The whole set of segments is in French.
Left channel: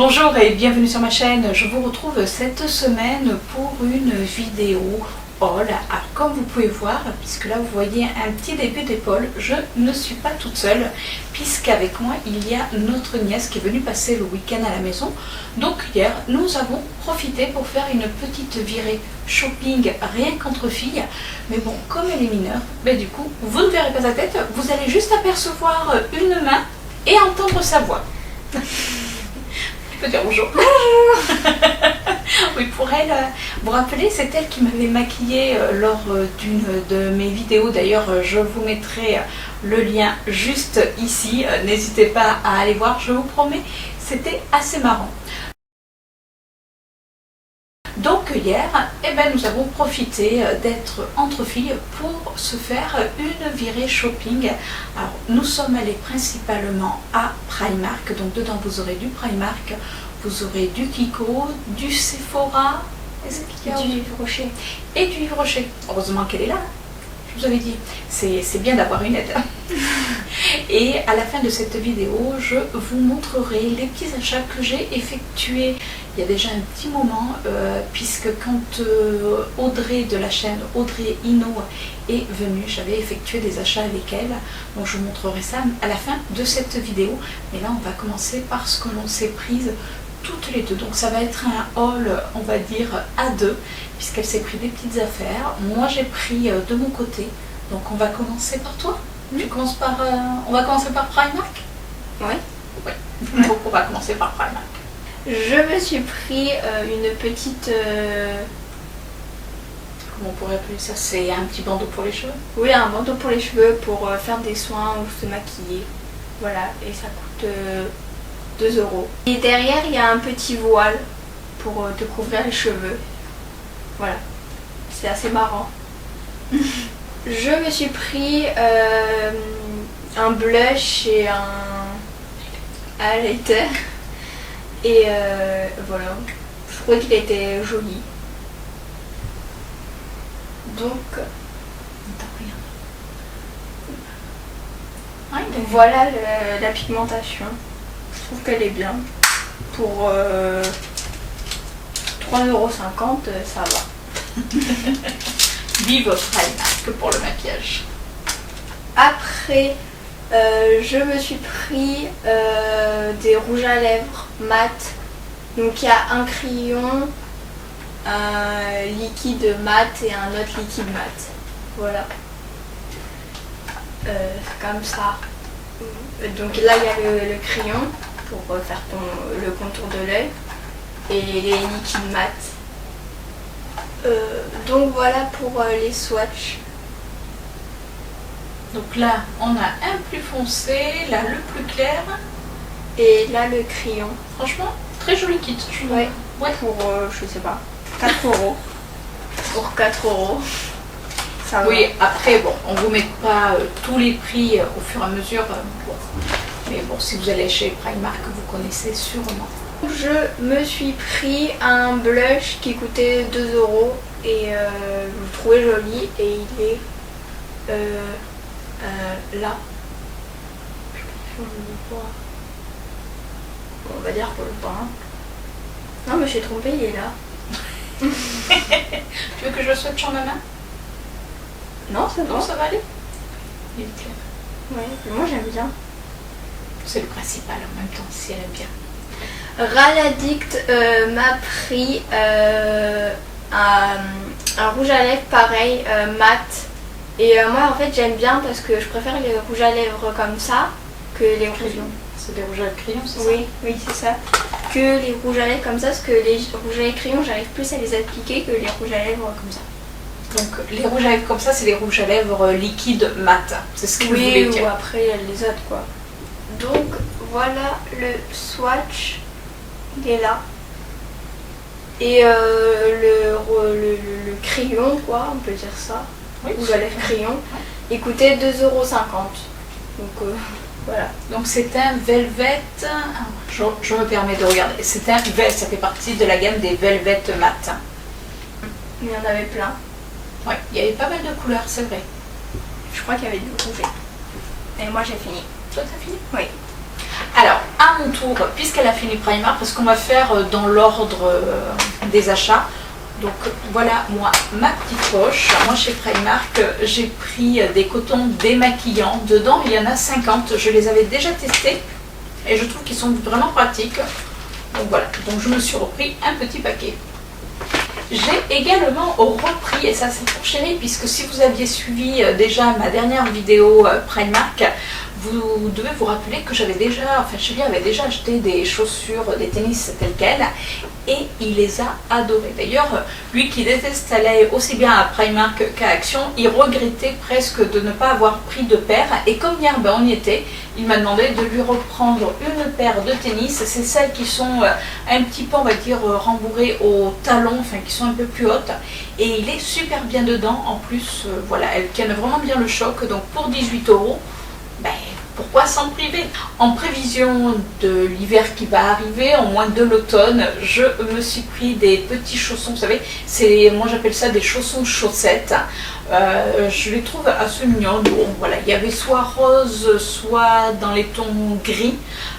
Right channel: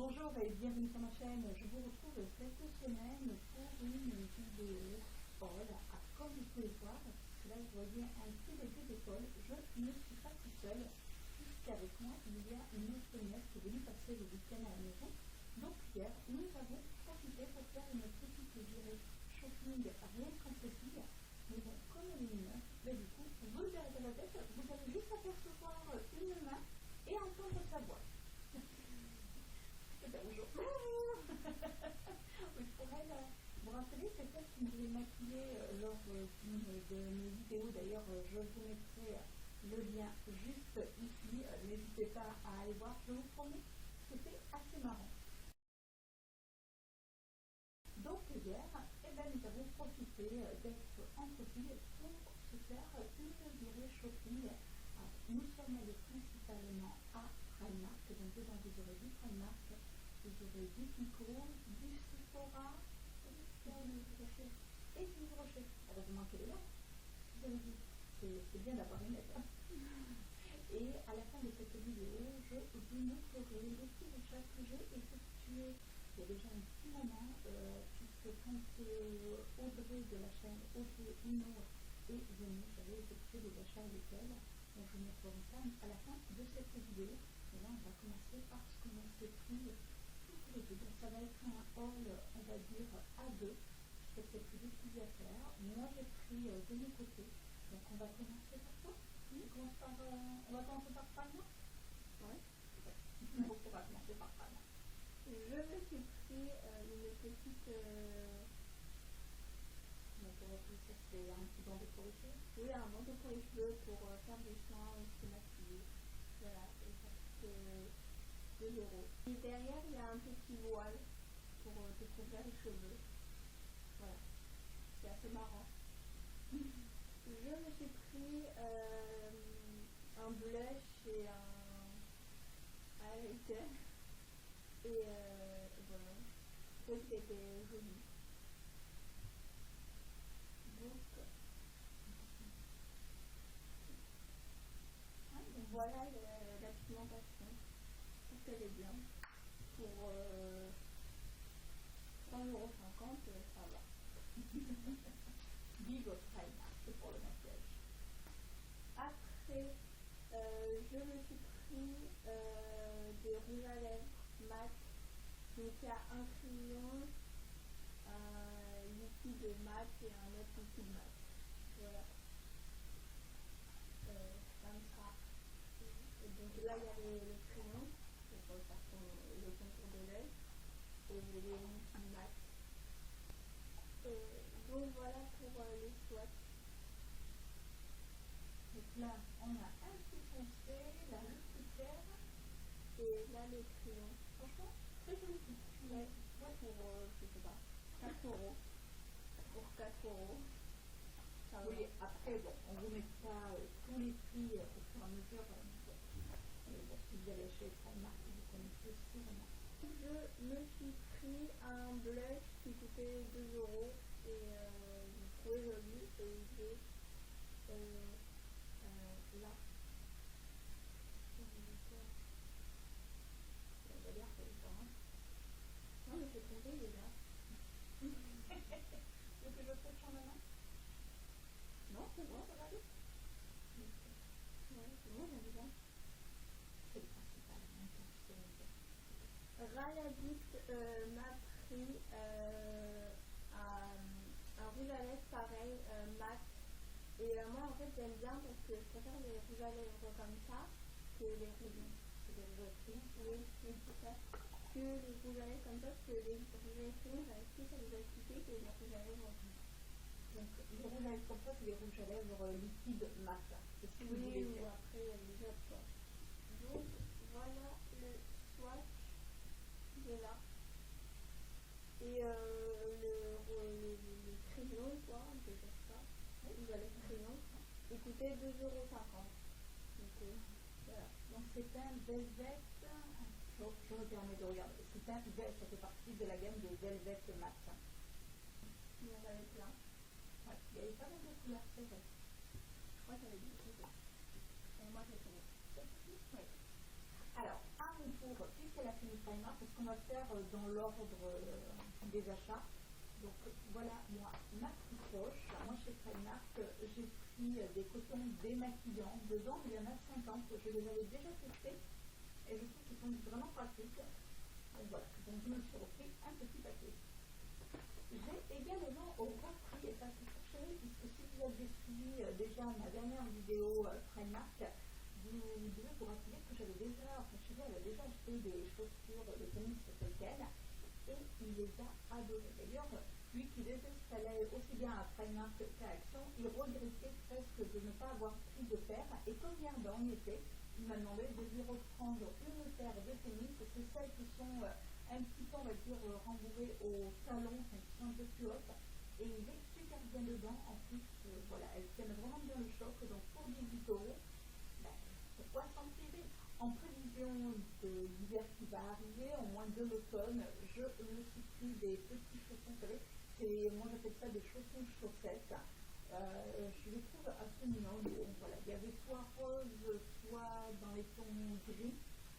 Bonjour et bienvenue sur ma chaîne. Je vous retrouve cette semaine pour une vidéo haul. Alors, comme vous pouvez voir, puisque là vous voyez un petit début d'épaule, je ne suis pas toute seule puisqu'avec moi il y a notre nièce qui est venue passer le week-end à la maison. Donc hier nous avons profité pour faire une petite virée shopping rien qu'entre filles. Mais bon, comme elle est mineure, du coup vous ne verrez pas sa tête, vous allez juste apercevoir une main et entendre sa voix. Je peux dire bonjour. Oui, pour elle, vous rappelez, c'est elle qui m'avait maquillée lors d'une de mes vidéos. D'ailleurs, je vous mettrai le lien juste ici. N'hésitez pas à aller voir, je vous promets, c'était assez marrant. Donc hier, nous avons profité d'être entre filles pour se faire une virée shopping. Alors nous sommes allés principalement à Primark, donc dedans vous aurez du Primark, vous aurez du Kiko, du Sephora, du Yves Rocher. Et du Yves Rocher. Heureusement qu'elle est là, je vous avais dit, c'est bien d'avoir une aide. Et à la fin de cette vidéo, je vous montrerai les petits achats que j'ai effectués il y a déjà un petit moment, puisque quand Audrey de la chaîne Audrey Ino est venue, j'avais effectué des achats avec elle. Donc je vous montrerai ça à la fin de cette vidéo. Mais là on va commencer par ce que l'on s'est prise toutes les deux. Donc ça va être un haul, on va dire, à deux, puisqu'elle s'est pris des petites affaires. Moi j'ai pris de mon côté. Donc on va commencer par toi. Tu commences par, on va commencer par Primark. Oui. Oui. Donc on va commencer par Primark. Je me suis pris une petite... Comment on pourrait appeler ça? C'est un petit bandeau pour les cheveux? Oui, un bandeau pour les cheveux pour faire des soins ou se maquiller. Voilà, et ça coûte 2 €. Et derrière, il y a un petit voile pour te couvrir les cheveux. Voilà, c'est assez marrant. Je me suis pris un blush et un highlighter. Et voilà, je trouvais qu'il était joli. Donc, voilà la pigmentation. Je trouve qu'elle est bien. Pour 3,50 €, ça va. Vive Primark pour le maquillage. Après, je me suis pris des rouges à lèvres mat. Donc il y a un crayon, un liquide mat et un autre liquide mat. Voilà. Comme ça. Donc là il y a le crayon pour faire le contour de l'œil et les liquides mat. Donc voilà pour les swatchs. Donc là, on a un plus foncé, là le plus clair. Et là le crayon. Franchement, très joli kit. Ouais. Pour, je sais pas, 4 €. Pour 4 €. Ça va. Oui, après, bon, on vous met pas tous les prix au fur et à mesure. Bon. Mais bon, si vous allez chez Primark, vous connaissez sûrement. Je me suis pris un blush qui coûtait 2 € et je le trouvais joli et il est là. Je sais pas si on le voit. On va dire qu'on le voit. Non mais j'ai trompé, il est là. Tu veux que je le swatche en ma main? Non, c'est bon. Non, ça va aller? Il est clair. Ouais, moi j'aime bien. C'est le principal en même temps, si elle aime bien. Raladict m'a pris un rouge à lèvres pareil, mat. Et moi en fait j'aime bien parce que je préfère les rouges à lèvres comme ça que les rouges. C'est des rouges à crayon, c'est ça? Oui, oui c'est ça. Que les rouges à lèvres comme ça, parce que les rouges à lèvres crayons j'arrive plus à les appliquer que les rouges à lèvres comme ça. Donc les rouges à lèvres comme ça, c'est les rouges à lèvres liquides mat. C'est ce que vous voulez dire. Oui, ou après les autres quoi. Donc voilà le swatch. Il est là. Et le crayon, quoi, on peut dire ça. Oui, rouge à lèvres crayon. Il coûtait 2,50 €. Donc voilà. Donc c'est un velvet. Je me permets de regarder. C'est un velvet, ça fait partie de la gamme des velvet mat. Il y en avait plein. Oui, il y avait pas mal de couleurs, c'est vrai. Je crois qu'il y avait du rouge. Et moi j'ai fini. Toi t'as fini? Oui. Alors, à mon tour, puisqu'elle a fini Primark, parce qu'on va faire dans l'ordre des achats. Donc voilà, moi, ma petite poche. Moi, chez Primark, j'ai pris des cotons démaquillants. Dedans, il y en a 50. Je les avais déjà testés et je trouve qu'ils sont vraiment pratiques. Donc voilà, donc je me suis repris un petit paquet. J'ai également repris, et ça c'est pour chérie, puisque si vous aviez suivi déjà ma dernière vidéo Primark, vous devez vous rappeler que j'avais déjà, enfin chérie avait déjà acheté des chaussures, des tennis telles quelles, et il les a adorées. D'ailleurs, lui qui déteste aller aussi bien à Primark qu'à Action, il regrettait presque de ne pas avoir pris de paire, et comme hier on y était, il m'a demandé de lui reprendre une paire de tennis. C'est celles qui sont un petit peu, on va dire, rembourrées au talon, enfin qui sont un peu plus hautes, et il est super bien dedans. En plus, voilà, elles tiennent vraiment bien le choc, donc pour 18 €, ben, pourquoi s'en priver? En prévision de l'hiver qui va arriver, en moins de l'automne, je me suis pris des petits chaussons, vous savez, moi j'appelle ça des chaussons chaussettes. Je les trouve assez mignons. Bon, voilà, il y avait soit rose, soit dans les tons gris.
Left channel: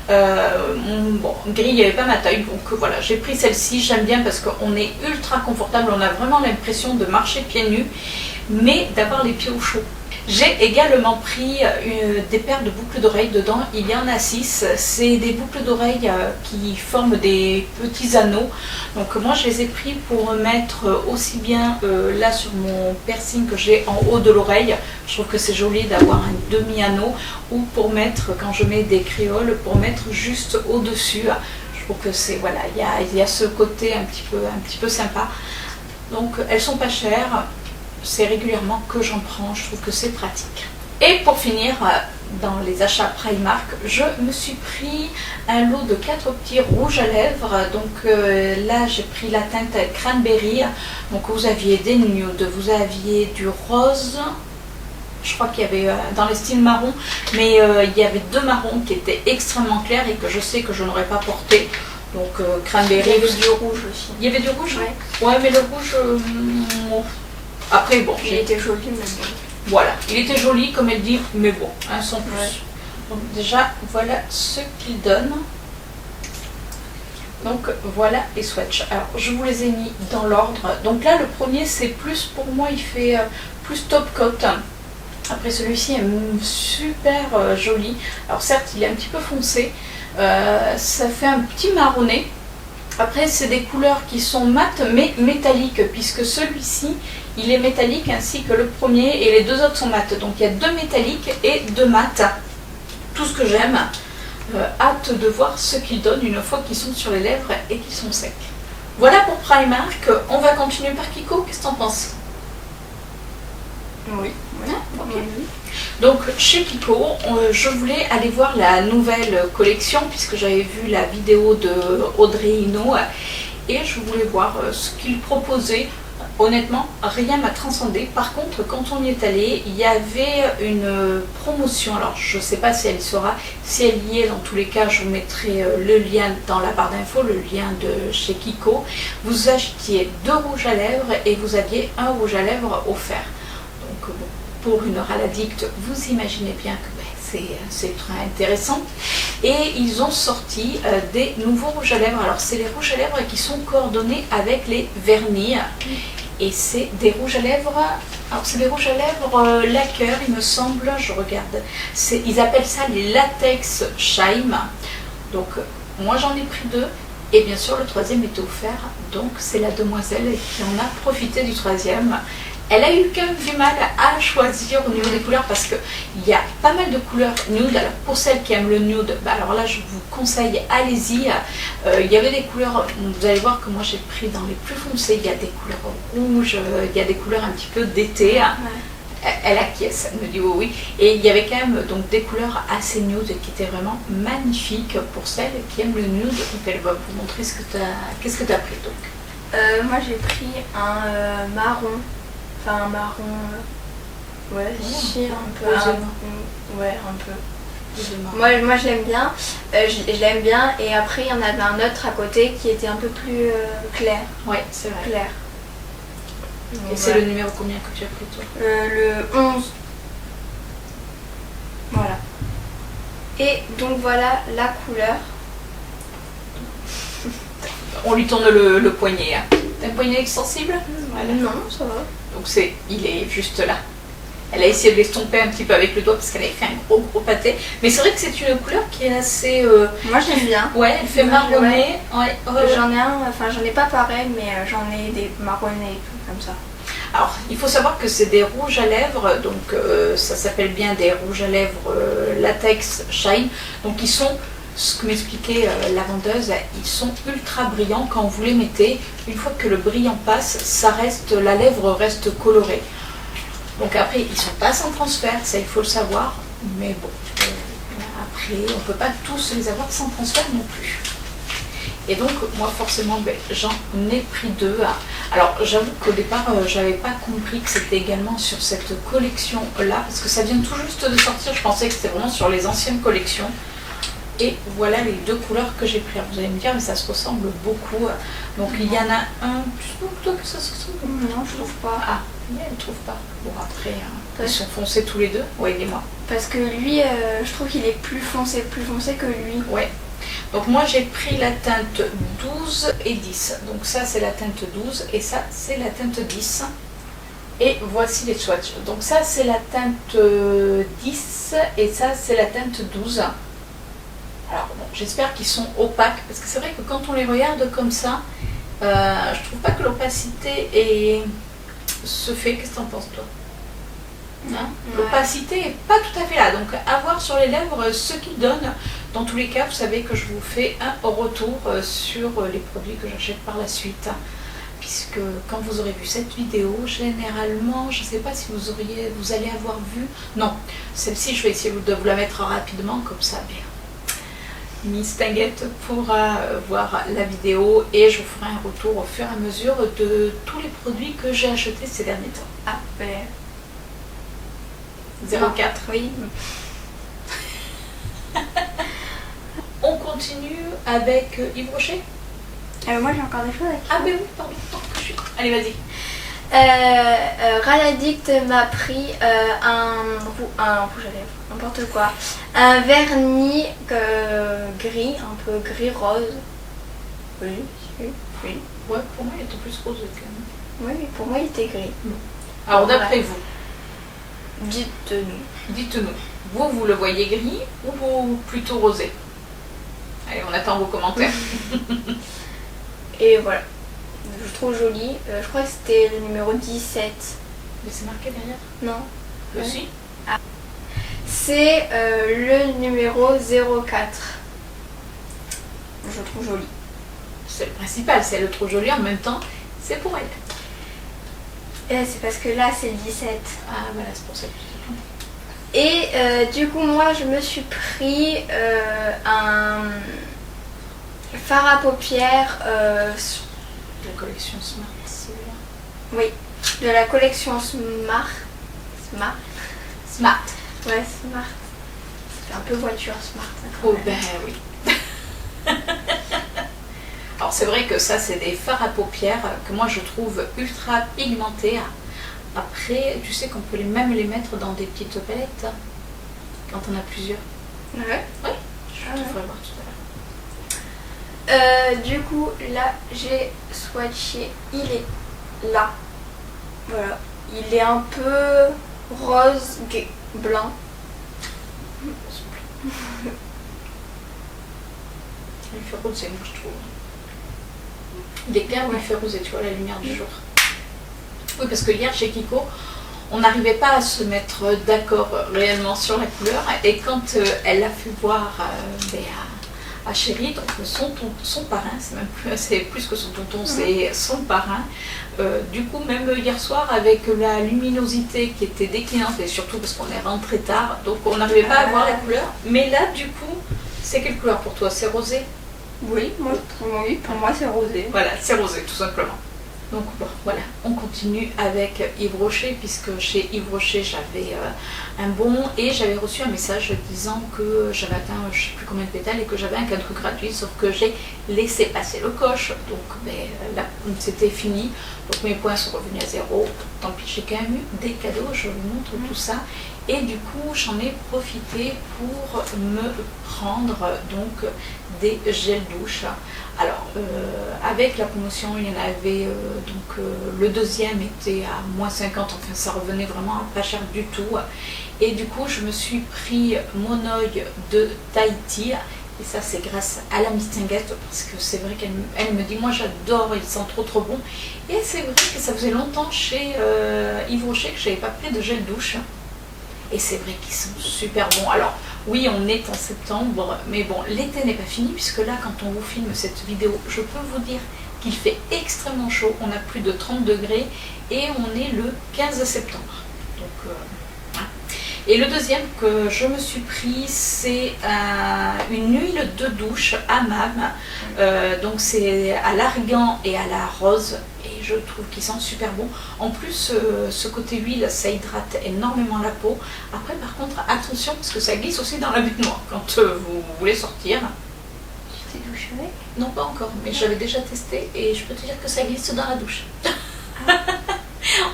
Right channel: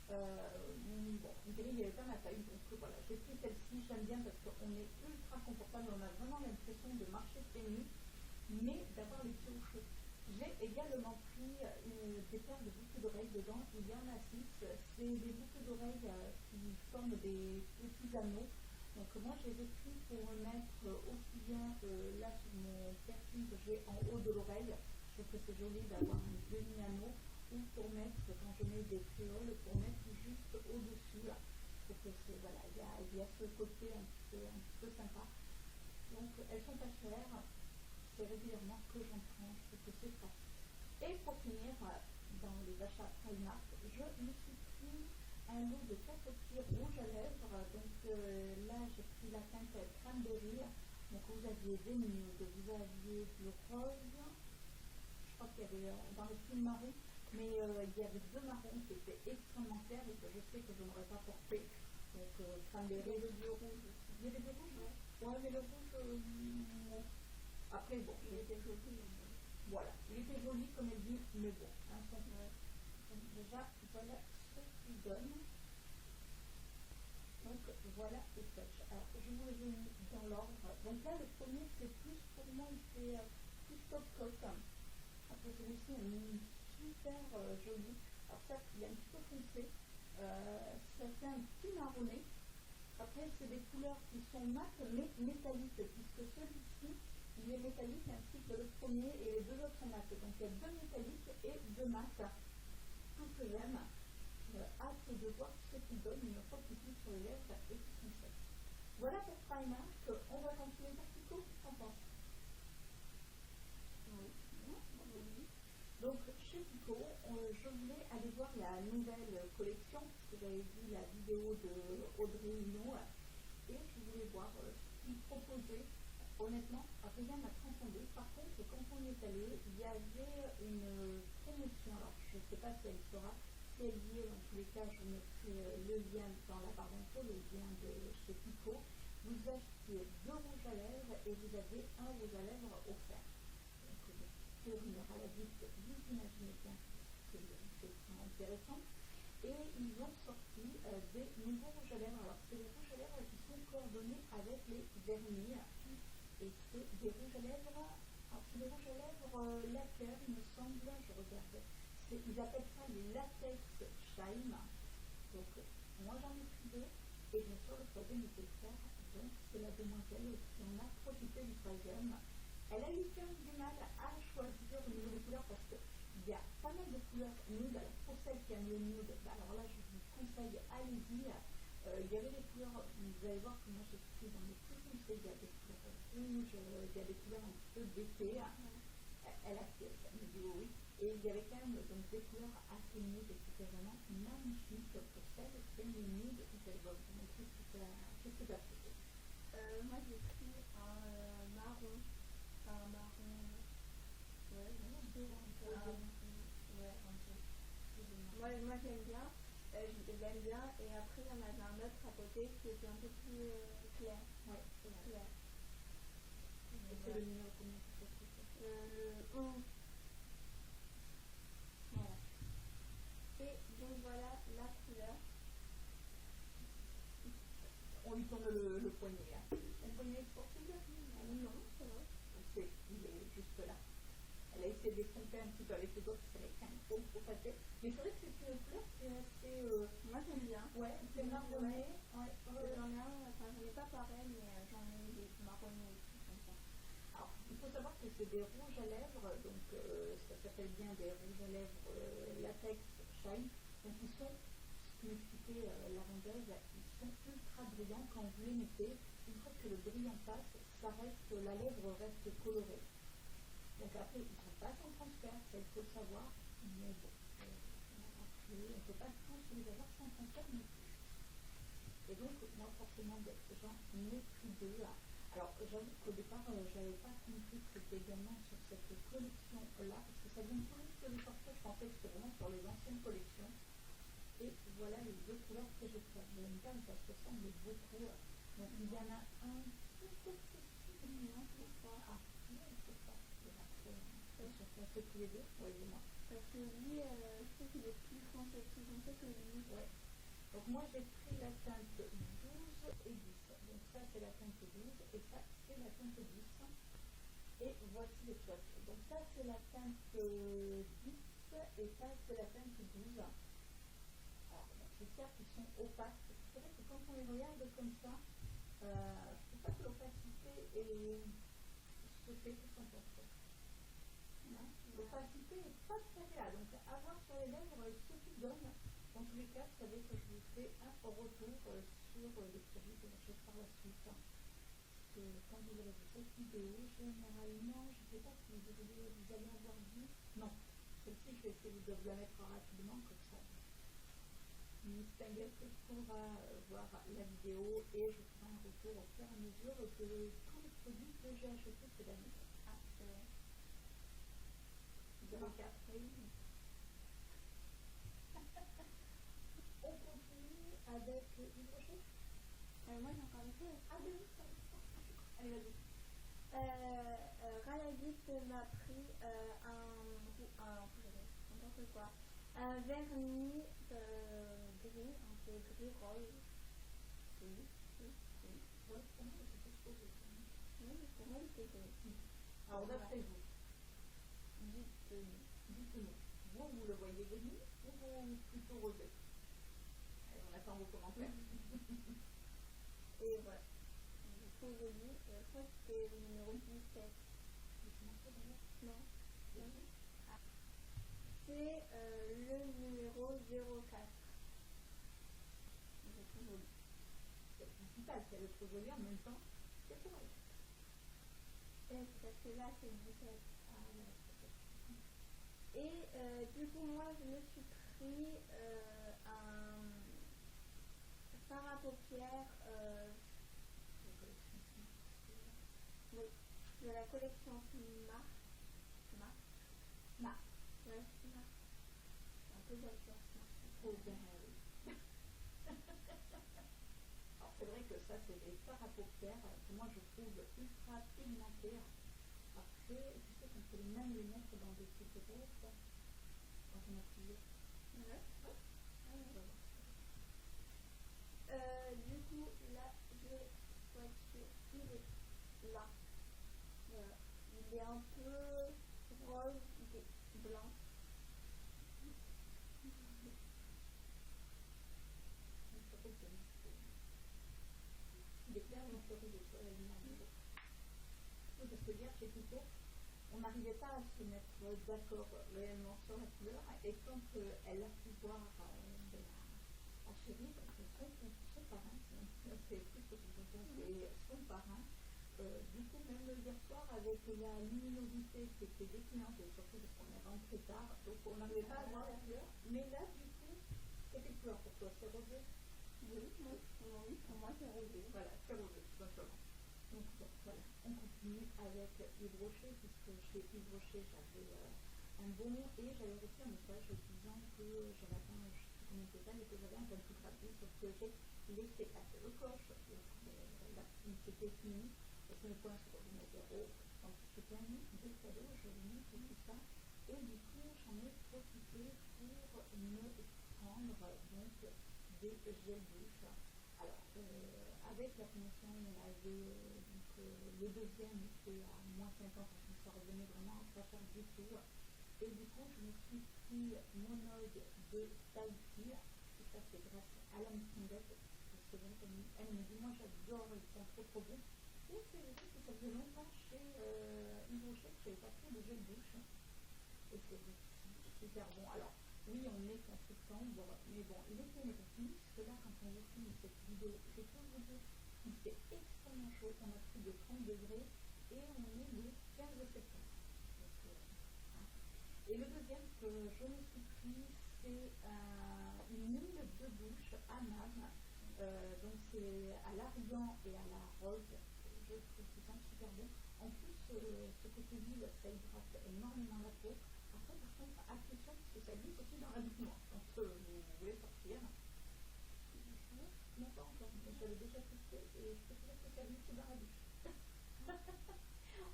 Bon, gris, il n'y avait pas ma taille, donc voilà, j'ai pris celle-ci. J'aime bien parce qu'on est ultra confortable, on a vraiment l'impression de marcher pieds nus, mais d'avoir les pieds au chaud. J'ai également pris des paires de boucles d'oreilles. Dedans, il y en a 6. C'est des boucles d'oreilles qui forment des petits anneaux. Donc moi, je les ai pris pour mettre aussi bien là sur mon piercing que j'ai en haut de l'oreille. Je trouve que c'est joli d'avoir un demi-anneau, ou pour mettre, quand je mets des créoles, pour mettre juste au-dessus. Je trouve que c'est, voilà, il y a ce côté un petit peu sympa. Donc elles sont pas chères. C'est régulièrement que j'en prends, je trouve que c'est pratique. Et pour finir, dans les achats Primark, je me suis pris un lot de 4 petits rouges à lèvres. Donc là, j'ai pris la teinte Cranberry. Donc vous aviez des nudes, vous aviez du rose. Je crois qu'il y avait dans les styles marron, mais il y avait 2 marrons qui étaient extrêmement clairs et que je sais que je n'aurais pas porté. Donc Cranberry. Il y avait du rouge aussi. Il y avait du rouge? Ouais, mais le rouge... Après, bon, il était joli, mais bon. Voilà, il était joli comme elle dit, mais bon, sans plus. Ouais. Donc déjà, voilà ce qu'il donne. Donc voilà les swatchs. Alors, je vous les ai mis dans l'ordre. Donc là, le premier, c'est plus, pour moi, il fait plus top coat. Après, celui-ci est super joli. Alors certes, il est un petit peu foncé. Ça fait un petit marronné. Après, c'est des couleurs qui sont mates mais métalliques, puisque celui-ci, il est métallique ainsi que le premier, et les 2 autres sont mates. Donc il y a 2 métalliques et 2 mates. Tout ce que j'aime. Hâte de voir ce qu'ils donnent une fois qu'ils sont sur les lèvres et qu'ils sont secs. Voilà pour Primark. On va continuer par Kiko. Qu'est-ce que t'en penses? Oui. Okay. Donc chez Kiko, je voulais aller voir la nouvelle collection, puisque j'avais vu la vidéo de Audrey Hinault, et je voulais voir ce qu'ils proposaient. Honnêtement, rien m'a transcendé. Par contre, quand on y est allé, il y avait une promotion. Alors, je ne sais pas si elle y sera. Si elle y est, dans tous les cas, je vous mettrai le lien dans la barre d'infos, le lien de chez Kiko. Vous achetiez 2 rouges à lèvres et vous aviez un rouge à lèvres offert. Donc, bon, pour une râle addict, vous imaginez bien que c'est très intéressant. Et ils ont sorti des nouveaux rouges à lèvres. Alors, c'est les rouges à lèvres qui sont coordonnés avec les vernis. Et c'est des rouges à lèvres, alors c'est des rouges à lèvres lacquer, il me semble, je regarde. Ils appellent ça les latex shine. Donc moi j'en ai pris 2, et bien sûr le 3e était offert, donc c'est la demoiselle qui en a profité du 3e. Elle a eu quand même du mal à choisir au niveau des couleurs, parce qu'il y a pas mal de couleurs nude. Alors pour celles qui aiment le nude, alors là je vous conseille, allez-y. Il y avait des couleurs, vous allez voir que moi j'ai pris dans les plus foncés. Il y a des couleurs rouges, il y a des couleurs un petit peu d'été. Ouais. Elle acquiesce, elle me dit oui. Et il y avait quand même donc des couleurs assez nude qui étaient vraiment magnifiques pour celles qui aiment le nude. Donc elle va vous montrer qu'est-ce que tu as pris donc. Moi j'ai pris un marron. Enfin, un marron, ouais, si, un peu. Ouais, un peu. Moi je l'aime bien, je l'aime bien, et après il y en avait un autre à côté qui était un peu plus clair. Ouais, c'est vrai. Clair. Et c'est le numéro combien que tu as pris toi? Le 11. Voilà. Et donc voilà la couleur. On lui tourne le poignet. Hein. T'as un poignet extensible? Voilà. Non, ça va. Donc il est juste là. Elle a essayé de l'estomper un petit peu avec le doigt parce qu'elle avait fait un gros pâté. Mais c'est vrai que c'est une couleur qui est assez... Moi j'aime bien. Ouais, elle fait marronner. Ouais. J'en ai un, enfin j'en ai pas pareil, mais j'en ai des marronnés et tout comme ça. Alors, il faut savoir que c'est des rouges à lèvres, donc ça s'appelle bien des rouges à lèvres latex shine. Donc ils sont, ce que m'expliquait la vendeuse, ils sont ultra brillants quand vous les mettez. Une fois que le brillant passe, ça reste, la lèvre reste colorée. Donc après, ils sont pas sans transfert, ça il faut le savoir. Mais bon, après, on ne peut pas tous les avoir sans transfert non plus. Et donc, moi, forcément, j'en ai pris 2. Alors, j'avoue qu'au départ, j'avais pas compris que c'était également sur cette collection-là, parce que ça vient tout juste de sortir. Je pensais que c'était vraiment sur les anciennes collections. Et voilà les 2 couleurs que j'ai prises. Vous allez me dire, mais ça se ressemble beaucoup. Donc, il y en a un. Tu trouves toi que ça se ressemble? Non, je trouve pas. Ah, mais elle ne trouve pas. Bon, après, ils sont foncés tous les 2. Oui, dis-moi. Parce que lui, je trouve qu'il est plus foncé que lui. Ouais. Donc moi j'ai pris la teinte 12 et 10. Donc ça c'est la teinte 12 et ça c'est la teinte 10. Et voici les swatchs. Donc ça c'est la teinte 10 et ça c'est la teinte 12. Alors bon, j'espère qu'ils sont opaques parce que c'est vrai que quand on les regarde comme ça, je trouve pas que l'opacité se fait. Qu'est-ce que t'en penses toi? Hein, l'opacité n'est pas tout à fait là, donc à voir sur les lèvres ce qu'ils donnent. Dans tous les cas, vous savez que je vous fais un retour sur les produits que j'achète par la suite, puisque quand vous aurez vu cette vidéo, généralement, je ne sais pas si vous allez avoir vu, non, celle-ci je vais essayer de vous la mettre rapidement, comme ça, Miss Tinguette pourra voir la vidéo et je vous ferai un retour au fur et à mesure de tous les produits que j'ai achetés ces derniers temps. Ah, 04. Oui. On continue avec Yves Rocher. Moi j'ai encore des choses à dire. Ah ben oui, pardon. Allez, vas-y. Raladict m'a pris un rouge à lèvres, n'importe quoi. Un vernis gris, un peu gris-rose. Oui. Ouais, pour moi il était plus rose quand même. Oui, mais pour moi il était gris. Alors d'après vous, dites-nous. Dites-nous, vous le voyez gris ou vous plutôt rosé? Allez, on attend vos commentaires. Et voilà. Je trouve joli. Je crois que c'était le numéro 17. Mais c'est marqué derrière? Non. Aussi. Ah. C'est le numéro 04. Je trouve joli. C'est le principal, c'est le trop joli en même temps, c'est pour elle. Et c'est parce que là c'est le 17. Ah voilà, c'est pour ça que je dis. Et du coup moi je me suis pris un fard à paupières De la collection Smart, celui-là. oui, de la collection Smart. Smart. Ouais, Smart. Ça fait un peu voiture Smart. Oh ben oui. Alors c'est vrai que ça c'est des fards à paupières que moi je trouve ultra pigmentés. Après, tu sais qu'on peut même les mettre dans des petites palettes quand on a plusieurs. Ouais. Oui, je te ferai voir tout à l'heure. Du coup, là, j'ai swatché. Il est là. Voilà. Il est un peu rose, blanc. Il fait rosé, moi je trouve. Il est clair, mais il fait rosé, tu vois, la lumière du jour. Oui, parce que hier chez Kiko, on n'arrivait pas à se mettre d'accord réellement sur la couleur. Et quand elle l'a fait voir à Chérie, donc son parrain, c'est plus que son tonton, c'est son parrain. Du coup, même hier soir, avec la luminosité qui était déclinante, et surtout parce qu'on est rentré tard, donc on n'arrivait pas à voir la couleur. Mais là, du coup, c'est quelle couleur pour toi? C'est rosé? Oui, pour moi c'est rosé. Voilà, c'est rosé, tout simplement. Donc bon, voilà, on continue avec Yves Rocher, puisque chez Yves Rocher j'avais un bon et j'avais reçu un message disant que j'avais atteint je ne sais plus combien de pétales et que j'avais un cadeau gratuit, sauf que j'ai laissé passer le coche, donc ben, là c'était fini, donc mes points sont revenus à zéro. Tant pis, j'ai quand même eu des cadeaux, je vous montre tout ça. Et du coup, j'en ai profité pour me prendre donc des gels douche. Alors, avec la promotion, il y en avait, le deuxième était à moins 50, enfin ça revenait vraiment pas cher du tout. Et du coup, je me suis pris mon œil de Tahiti. Et ça, c'est grâce à la Mistinguette, parce que c'est vrai qu'elle me dit, moi j'adore, il sent trop bon. Et c'est vrai que ça faisait longtemps chez Yves Rocher que je n'avais pas pris de gel douche. Et c'est vrai qu'ils sont super bons. Alors oui, on est en septembre, mais bon, l'été n'est pas fini, puisque là, quand on vous filme cette vidéo, je peux vous dire qu'il fait extrêmement chaud. On a plus de 30 degrés et on est le 15 septembre. Donc, voilà. Et le deuxième que je me suis pris, c'est une huile de douche hammam. Donc c'est à l'argan et à la rose. Et je trouve qu'ils sentent super bon. En plus, ce côté huile, ça hydrate énormément la peau. Après, par contre, attention, parce que ça glisse aussi dans la baignoire quand vous voulez sortir. Tu t'es douché avec? Non, pas encore, mais j'avais déjà testé et je peux te dire que ça glisse dans la douche.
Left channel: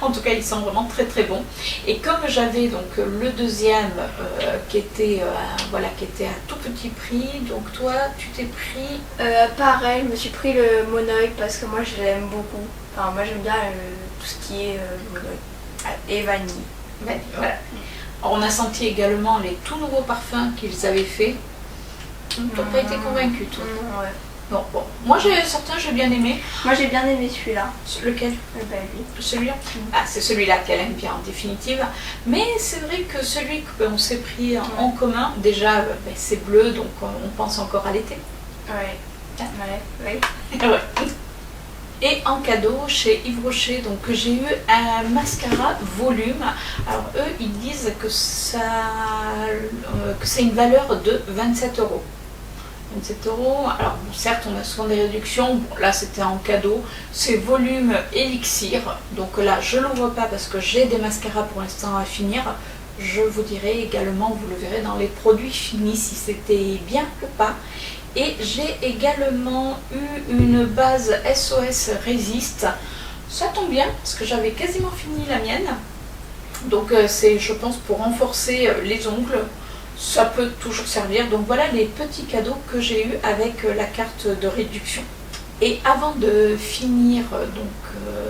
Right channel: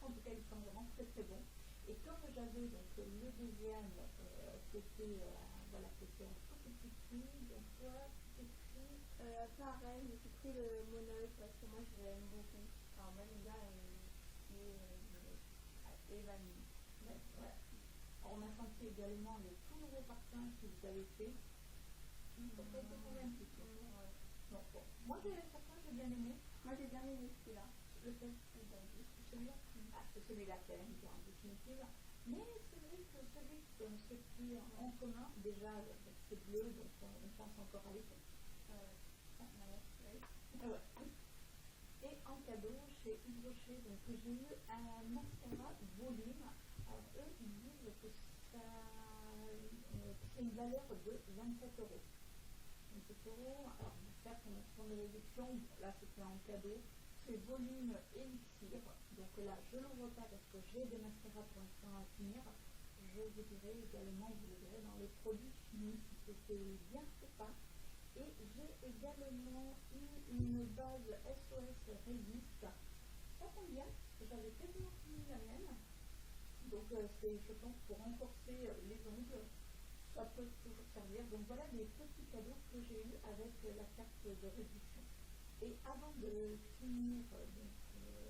En tout cas, ils sont vraiment très bons. Et comme j'avais donc le deuxième qui était à tout petit prix, donc toi, tu t'es pris... Pareil, je me suis pris le monoï parce que moi je l'aime beaucoup. Enfin, moi j'aime bien tout ce qui est monoï et vanille. Voilà. Alors, on a senti également les tout nouveaux parfums qu'ils avaient fait. Tu n'as pas été convaincue, toi? Non, ouais. Bon. Moi, certains, j'ai bien aimé. Moi, j'ai bien aimé celui-là. Lequel? Lui. Celui-là. Ah, c'est celui-là qu'elle aime bien, en définitive. Mais c'est vrai que celui qu'on s'est pris en commun, déjà, c'est bleu, donc on pense encore à l'été. Ouais. Ouais. Ouais. Et en cadeau, chez Yves Rocher, donc j'ai eu un mascara volume. Alors eux, ils disent que c'est une valeur de 27 €. 27 €. Alors bon, certes, on a souvent des réductions. Bon, là, c'était en cadeau. C'est volume élixir. Donc là, je ne l'ouvre pas parce que j'ai des mascaras pour l'instant à finir. Je vous dirai également, vous le verrez dans les produits finis, si c'était bien ou pas. Et j'ai également eu une base SOS Résiste. Ça tombe bien parce que j'avais quasiment fini la mienne. Donc c'est, je pense, pour renforcer les ongles. Ça peut toujours servir. Donc voilà les petits cadeaux que j'ai eu avec la carte de réduction. Et avant de finir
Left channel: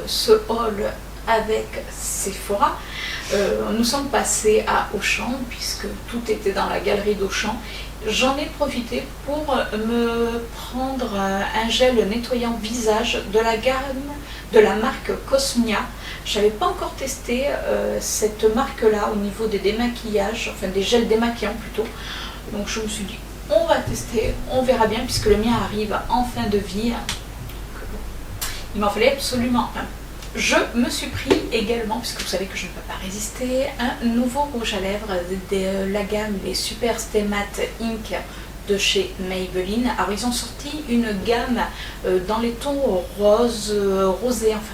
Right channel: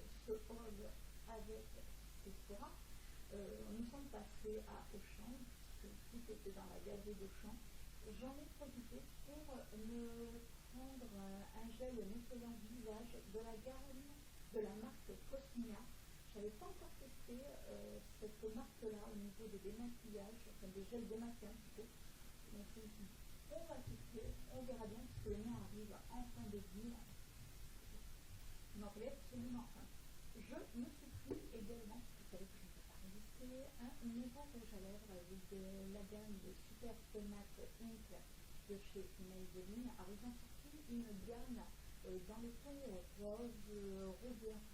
ce haul avec Sephora, nous sommes passés à Auchan, puisque tout était dans la galerie d'Auchan. J'en ai profité pour me prendre un gel nettoyant visage de la gamme de la marque Cosmia. Je n'avais pas encore testé cette marque-là au niveau des démaquillages, enfin des gels démaquillants plutôt. Donc je me suis dit, on va tester, on verra bien, puisque le mien arrive en fin de vie. Il m'en fallait absolument un. Je me suis pris également, puisque vous savez que je ne peux pas résister, un nouveau rouge à lèvres de la gamme les Super Stay Matte Ink de chez Maybelline. Alors ils ont sorti une gamme dans les tons rose, rosé, enfin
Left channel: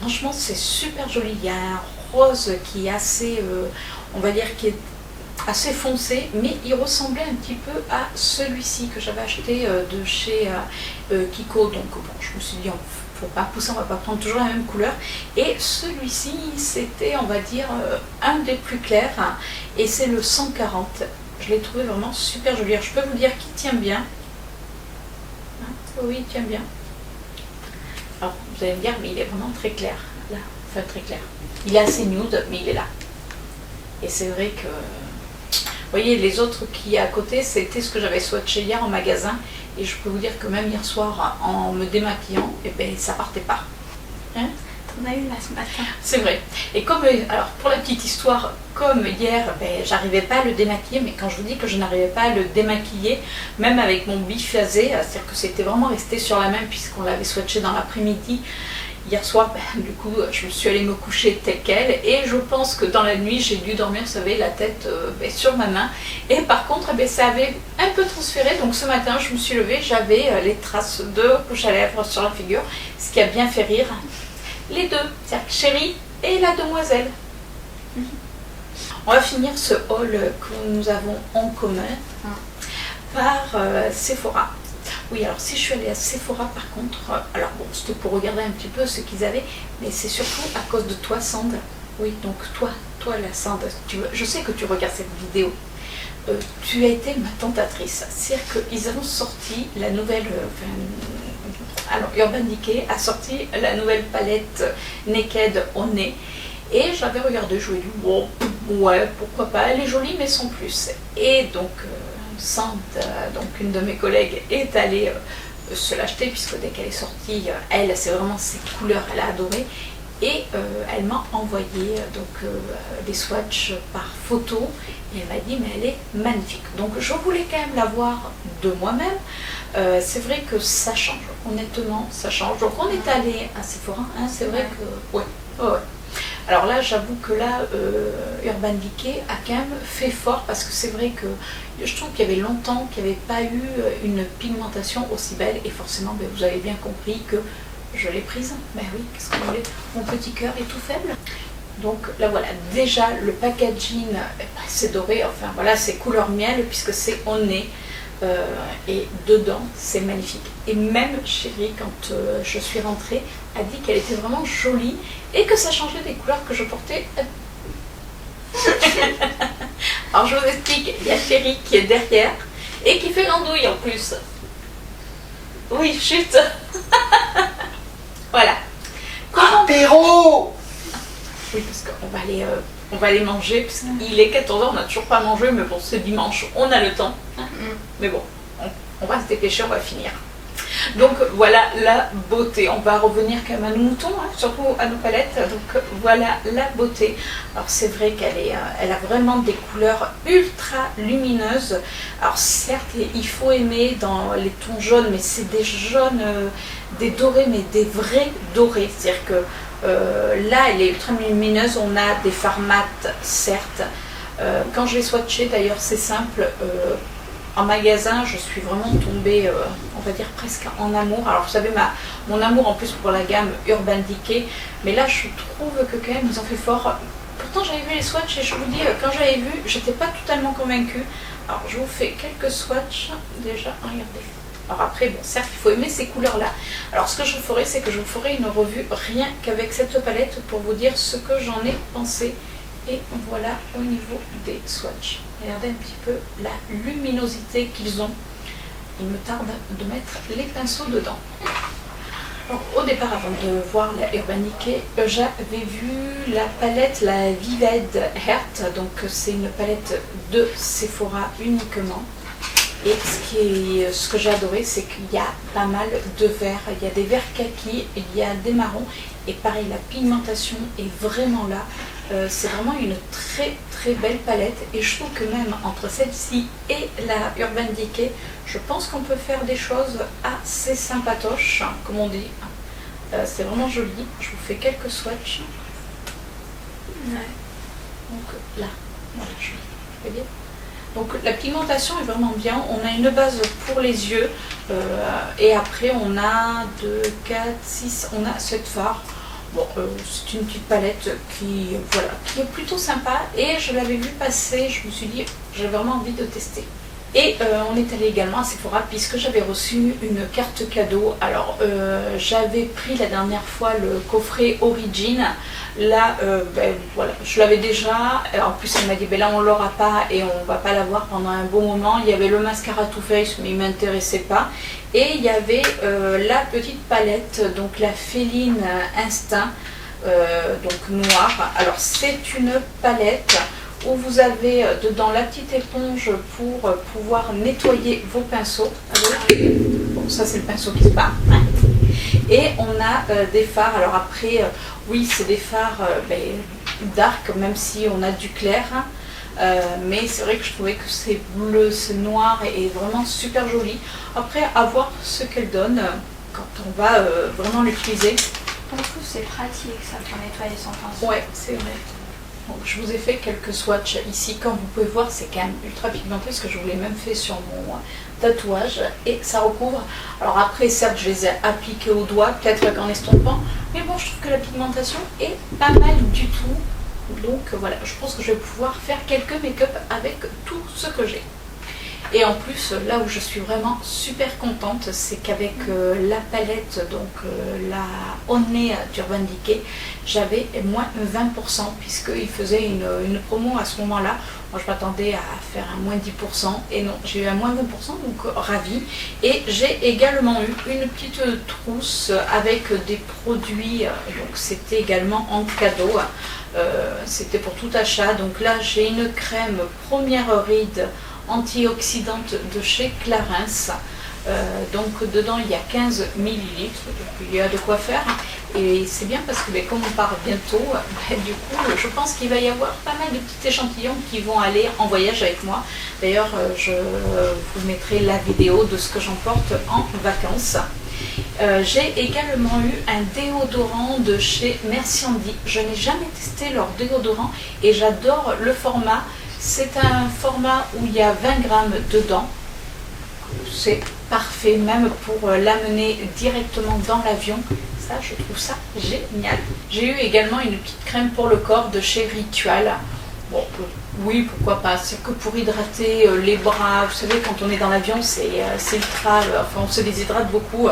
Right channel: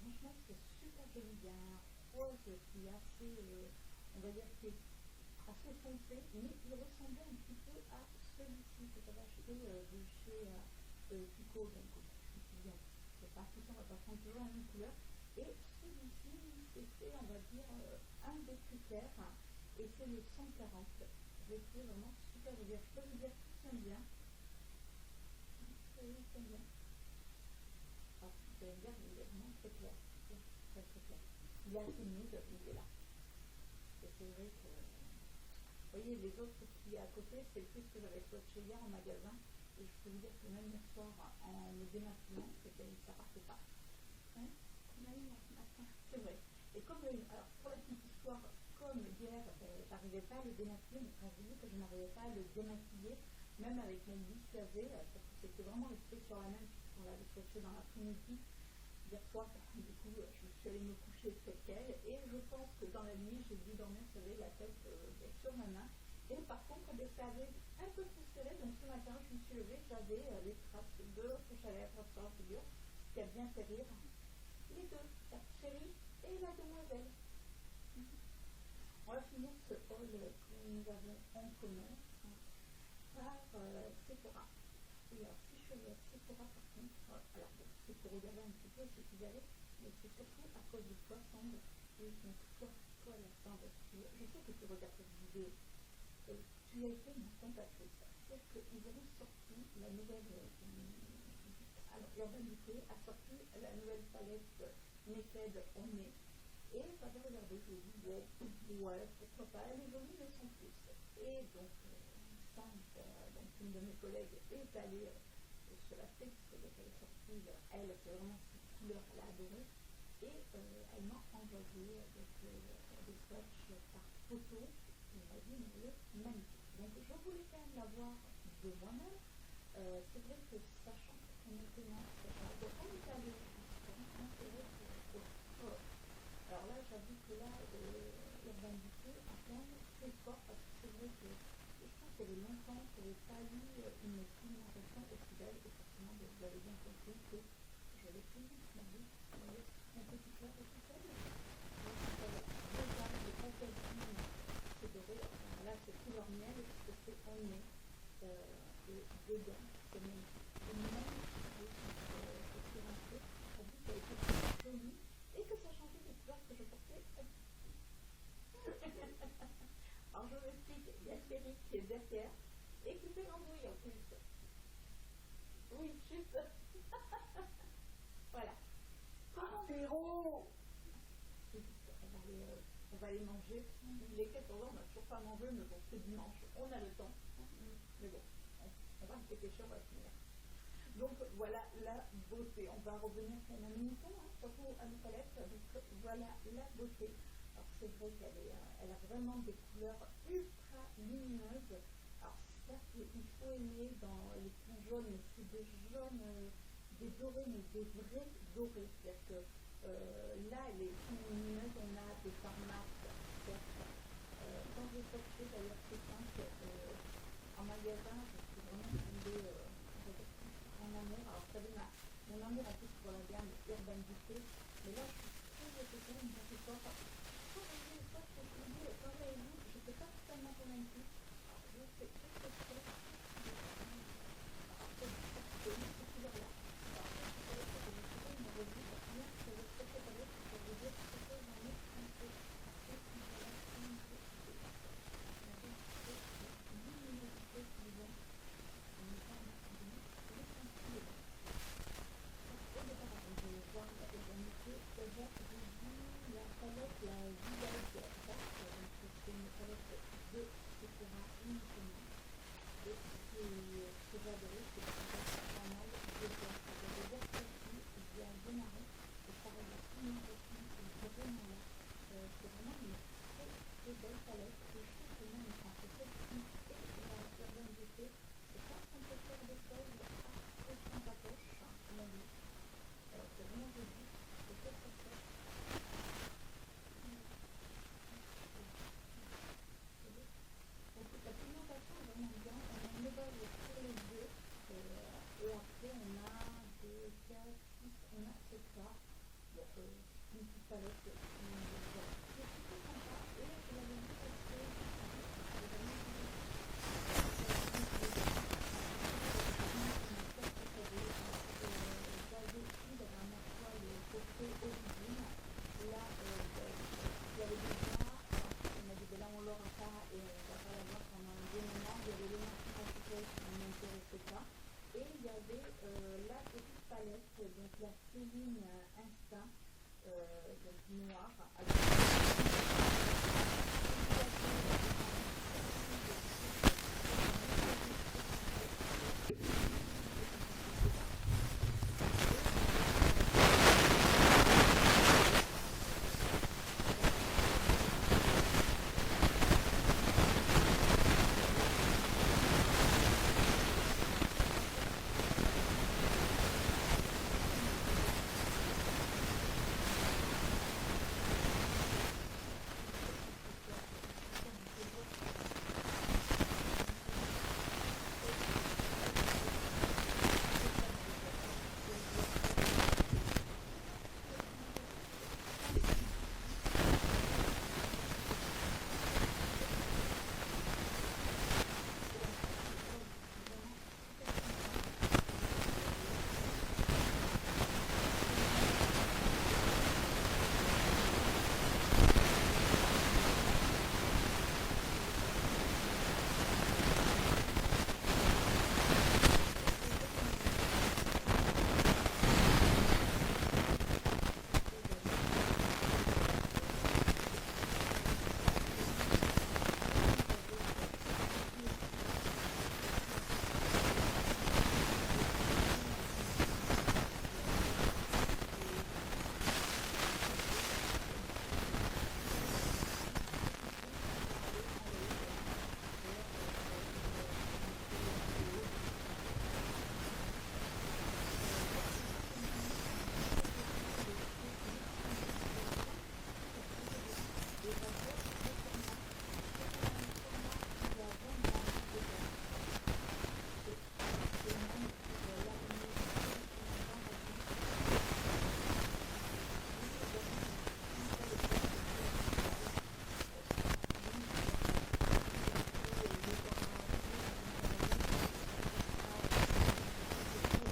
franchement c'est super joli. Il y a un rose qui est assez, on va dire qui est assez foncé, mais il ressemblait un petit peu à celui-ci que j'avais acheté de chez Kiko. Donc bon, je me suis dit, faut pas pousser, on va pas prendre toujours la même couleur. Et celui-ci, c'était, on va dire, un des plus clairs, hein, et c'est le 140. Je l'ai trouvé vraiment super joli. Alors, je peux vous dire qu'il tient bien. Hein, oui, il tient bien. Alors, vous allez me dire, mais il est vraiment très clair. Là, enfin très clair. Il est assez nude, mais il est là. Et c'est vrai que... Vous voyez, les autres qui est à côté, c'était ce que j'avais swatché hier en magasin. Et je peux vous dire que même hier soir, en me démaquillant, eh ben, ça partait pas. Hein? T'en as eu là ce matin. C'est vrai. Et comme, alors pour la petite histoire, comme hier, ben, j'arrivais pas à le démaquiller, mais quand je vous dis que je n'arrivais pas à le démaquiller, même avec mon biphasé, c'est-à-dire que c'était vraiment resté sur la main puisqu'on l'avait swatché dans l'après-midi. Hier soir, ben, du coup, je me suis allée me coucher telle quelle, et je pense que dans la nuit, j'ai dû dormir, vous savez, la tête sur ma main. Et par contre, ben, ça avait un peu transféré, donc ce matin, je me suis levée, j'avais les traces de rouge à lèvres sur la figure, ce qui a bien fait rire. les deux, c'est-à-dire Chérie et la demoiselle. On va finir ce haul que nous avons en commun par Sephora. Oui, alors si je suis allée à Sephora par contre, alors bon, c'était pour regarder un petit peu ce qu'ils avaient, mais c'est surtout à cause de toi, Sand. Oui, donc toi la Sand, je sais que tu regardes cette vidéo. Tu as été ma tentatrice. C'est-à-dire qu'ils ont sorti la nouvelle... alors, Urban Decay a sorti la nouvelle palette Naked au nez. Et j'avais regardé, je lui ai dit, bon, ouais, pourquoi pas, elle est jolie, mais sans plus. Et donc, Sand, donc une de mes collègues, est allée se l'acheter, puisque dès qu'elle est sortie, elle, c'est vraiment ses couleurs, elle a adoré. Et elle m'a envoyé des swatchs par photo et elle m'a dit mais elle est magnifique. Donc je voulais quand même la voir de moi-même. C'est vrai que ça change, honnêtement ça change. Donc on est allé à Sephora, hein, c'est vrai que... Ouais. Alors là j'avoue que là Urban Decay a quand même fait fort parce que c'est vrai que je trouve qu'il y avait longtemps qu'il n'y avait pas eu une pigmentation aussi belle et forcément vous avez bien compris que je l'ai prise, ben oui, qu'est-ce que vous voulez, mon petit cœur est tout faible. Donc là voilà, déjà le packaging, c'est doré, enfin voilà, c'est couleur miel puisque c'est au nez et dedans c'est magnifique. Et même Chérie, quand je suis rentrée, a dit qu'elle était vraiment jolie et que ça changeait des couleurs que je portais. Alors je vous explique, il y a Chérie qui est derrière et qui fait l'andouille en plus. Oui, chut. Voilà. Apéro. Oui, parce qu'on va aller manger, parce qu'il est 14h, on n'a toujours pas mangé, mais bon, c'est dimanche, on a le temps. Mais bon, on va se dépêcher, on va finir. Donc voilà la beauté. On va revenir quand même à nos moutons, hein, surtout à nos palettes. Donc voilà la beauté. Alors c'est vrai elle a vraiment des couleurs ultra lumineuses. Alors certes, il faut aimer dans les tons jaunes, mais c'est des jaunes, des dorés, mais des vrais dorés. C'est-à-dire que là, elle est ultra lumineuse. On a des fards mat, certes. Quand je l'ai swatché, d'ailleurs, c'est simple. En magasin, je suis vraiment tombée, on va dire presque en amour. Alors vous savez, mon amour en plus pour la gamme Urban Decay, mais là je trouve que quand même ils ont fait fort. Pourtant j'avais vu les swatchs et je vous dis, quand j'avais vu, j'étais pas totalement convaincue. Alors je vous fais quelques swatchs, déjà, regardez. Alors après, bon, certes, il faut aimer ces couleurs-là. Alors ce que je ferai, c'est que je vous ferai une revue rien qu'avec cette palette pour vous dire ce que j'en ai pensé. Et voilà au niveau des swatchs. Regardez un petit peu la luminosité qu'ils ont. Il me tarde de mettre les pinceaux dedans. Donc, au départ, avant de voir la Urban Decay, j'avais vu la palette, la Vivid Heart. Donc c'est une palette de Sephora uniquement. Et ce que j'ai adoré, c'est qu'il y a pas mal de verts. Il y a des verts kaki, il y a des marrons. Et pareil, la pigmentation est vraiment là. C'est vraiment une très très belle palette. Et je trouve que même entre celle-ci et la Urban Decay, je pense qu'on peut faire des choses assez sympatoches, comme on dit. C'est vraiment joli. Je vous fais quelques swatchs. Ouais. Donc là, voilà, je fais bien. Donc la pigmentation est vraiment bien. On a une base pour les yeux et après on a 2, 4, 6, on a 7 fards. Bon, c'est une petite palette qui est plutôt sympa et je l'avais vu passer, je me suis dit j'ai vraiment envie de tester. Et on est allé également à Sephora puisque j'avais reçu une carte cadeau. Alors j'avais pris la dernière fois le coffret Origin. Là, voilà, je l'avais déjà. En plus, elle m'a dit ben là on l'aura pas et on va pas l'avoir pendant un bon moment. Il y avait le mascara Too Faced mais il m'intéressait pas. Et il y avait la petite palette, donc la Féline Instinct, donc noire. Alors c'est une palette où vous avez dedans la petite éponge pour pouvoir nettoyer vos pinceaux. Bon, ça c'est le pinceau qui se part. Et on a des fards. Alors après, oui, c'est des fards dark, même si on a du clair. Mais c'est vrai que je trouvais que c'est bleu, c'est noir et vraiment super joli. Après, à voir ce qu'elle donne quand on va vraiment l'utiliser. Je trouve que c'est pratique ça pour nettoyer son pinceau. Ouais, c'est vrai. Donc, je vous ai fait quelques swatchs ici. Comme vous pouvez voir, c'est quand même ultra pigmenté parce que je vous l'ai même fait sur tatouage et ça recouvre. Alors après, certes, je les ai appliqués au doigt, peut-être qu'en estompant, mais bon, je trouve que la pigmentation est pas mal du tout. Donc voilà, je pense que je vais pouvoir faire quelques make-up avec tout ce que j'ai. Et en plus, là où je suis vraiment super contente, c'est qu'avec la palette, donc la Honey d'Urban Decay, j'avais moins 20% puisqu'il faisait une promo à ce moment-là. Moi, je m'attendais à faire un moins 10% et non, j'ai eu un moins 20%, donc ravie. Et j'ai également eu une petite trousse avec des produits, donc c'était également en cadeau. C'était pour tout achat. Donc là, j'ai une crème première ride antioxydante de chez Clarins. Donc dedans il y a 15 millilitres, donc il y a de quoi faire. Et c'est bien parce que comme on part bientôt, du coup je pense qu'il va y avoir pas mal de petits échantillons qui vont aller en voyage avec moi. D'ailleurs je vous mettrai la vidéo de ce que j'emporte en vacances. J'ai également eu un déodorant de chez Merci Andy. Je n'ai jamais testé leur déodorant et j'adore le format. C'est un format où il y a 20 grammes dedans. C'est parfait même pour l'amener directement dans l'avion. Ça, je trouve ça génial. J'ai eu également une petite crème pour le corps de chez Ritual. Bon, oui, pourquoi pas. C'est que pour hydrater les bras. Vous savez, quand on est dans l'avion, c'est ultra... Enfin, on se déshydrate beaucoup.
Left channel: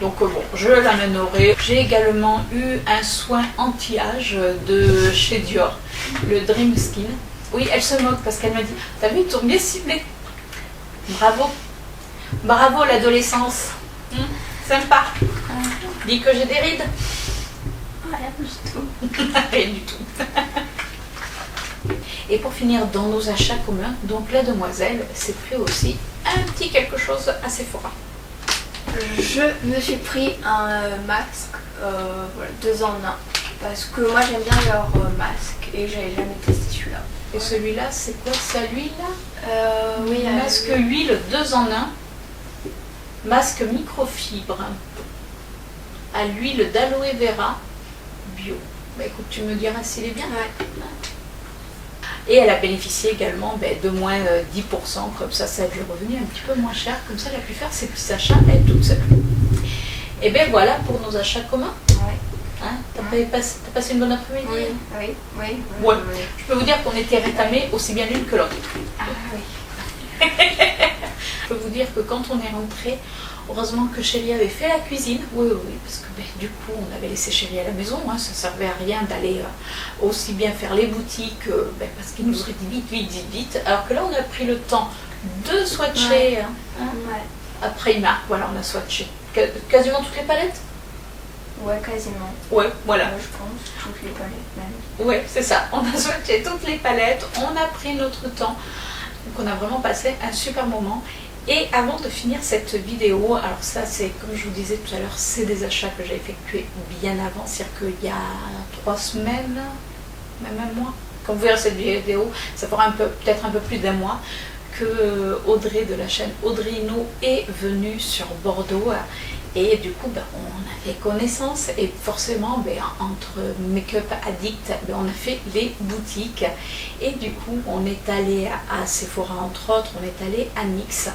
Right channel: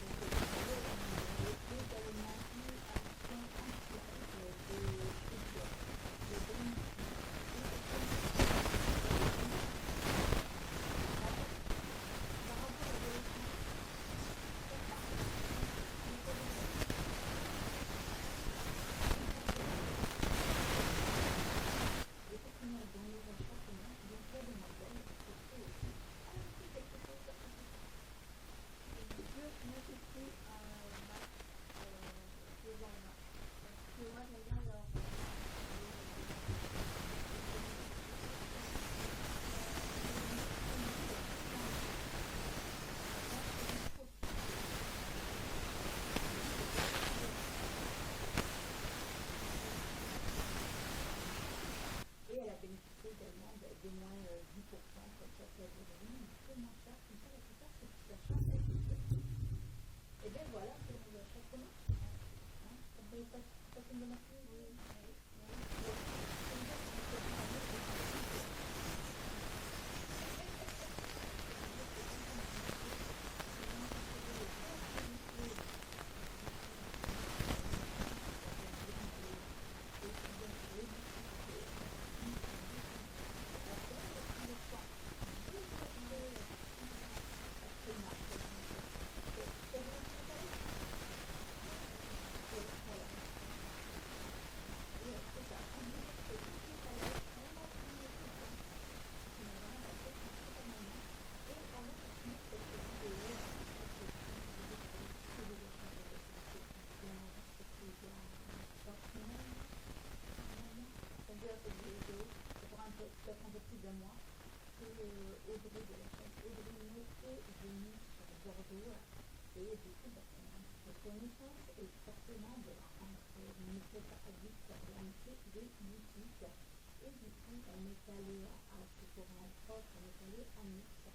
Donc bon, je l'amènerai. J'ai également eu un soin anti-âge de chez Dior, le Dream Skin. Oui, elle se moque parce qu'elle m'a dit, t'as vu, ils t'ont bien ciblé. Bravo. Bravo l'adolescence. Sympa. Dis que j'ai des rides. Rien du tout. Rien du tout. Et pour finir, dans nos achats communs, donc la demoiselle s'est pris aussi un petit quelque chose à Sephora. Je me suis pris un masque, voilà, 2 en 1. Parce que moi j'aime bien leur masque et j'avais jamais testé celui-là. Et celui-là, c'est quoi? C'est à l'huile là? Oui, masque huile 2 en 1. Masque microfibre. À l'huile d'aloe vera bio. Bah écoute, tu me diras s'il est bien. Ouais. Et elle a bénéficié également de moins 10%, comme ça lui est revenu un petit peu moins cher. Comme ça, elle a pu faire ses petits achats elle toute seule. Et bien voilà pour nos achats communs. Ouais. Hein, t'as passé une bonne après-midi? Oui. Ouais. Je peux vous dire qu'on était rétamés aussi bien l'une que l'autre. Ah oui. Je peux vous dire que quand on est rentré, heureusement que Chérie avait fait la cuisine. Oui, parce que du coup, on avait laissé Chérie à la maison. Hein, ça ne servait à rien d'aller aussi bien faire les boutiques, parce qu'il nous aurait dit vite. Alors que là, on a pris le temps de swatcher. Ouais. Ouais. Après, voilà, on a swatché quasiment toutes les palettes. Ouais, quasiment. Ouais, voilà. Je pense, toutes les palettes même. Ouais, c'est ça. On a swatché toutes les palettes, on a pris notre temps. Donc on a vraiment passé un super moment. Et avant de finir cette vidéo, alors ça c'est comme je vous disais tout à l'heure, c'est des achats que j'ai effectués bien avant, c'est-à-dire qu'il y a 3 semaines, même un mois. Quand vous verrez cette vidéo, ça fera peut-être un peu plus d'1 mois que Audrey de la chaîne Audrey Hinault est venue sur Bordeaux. Et du coup, on a fait connaissance et forcément, entre Make-up Addict, on a fait les boutiques. Et du coup, on est allé à Sephora entre autres, on est allé à NYX.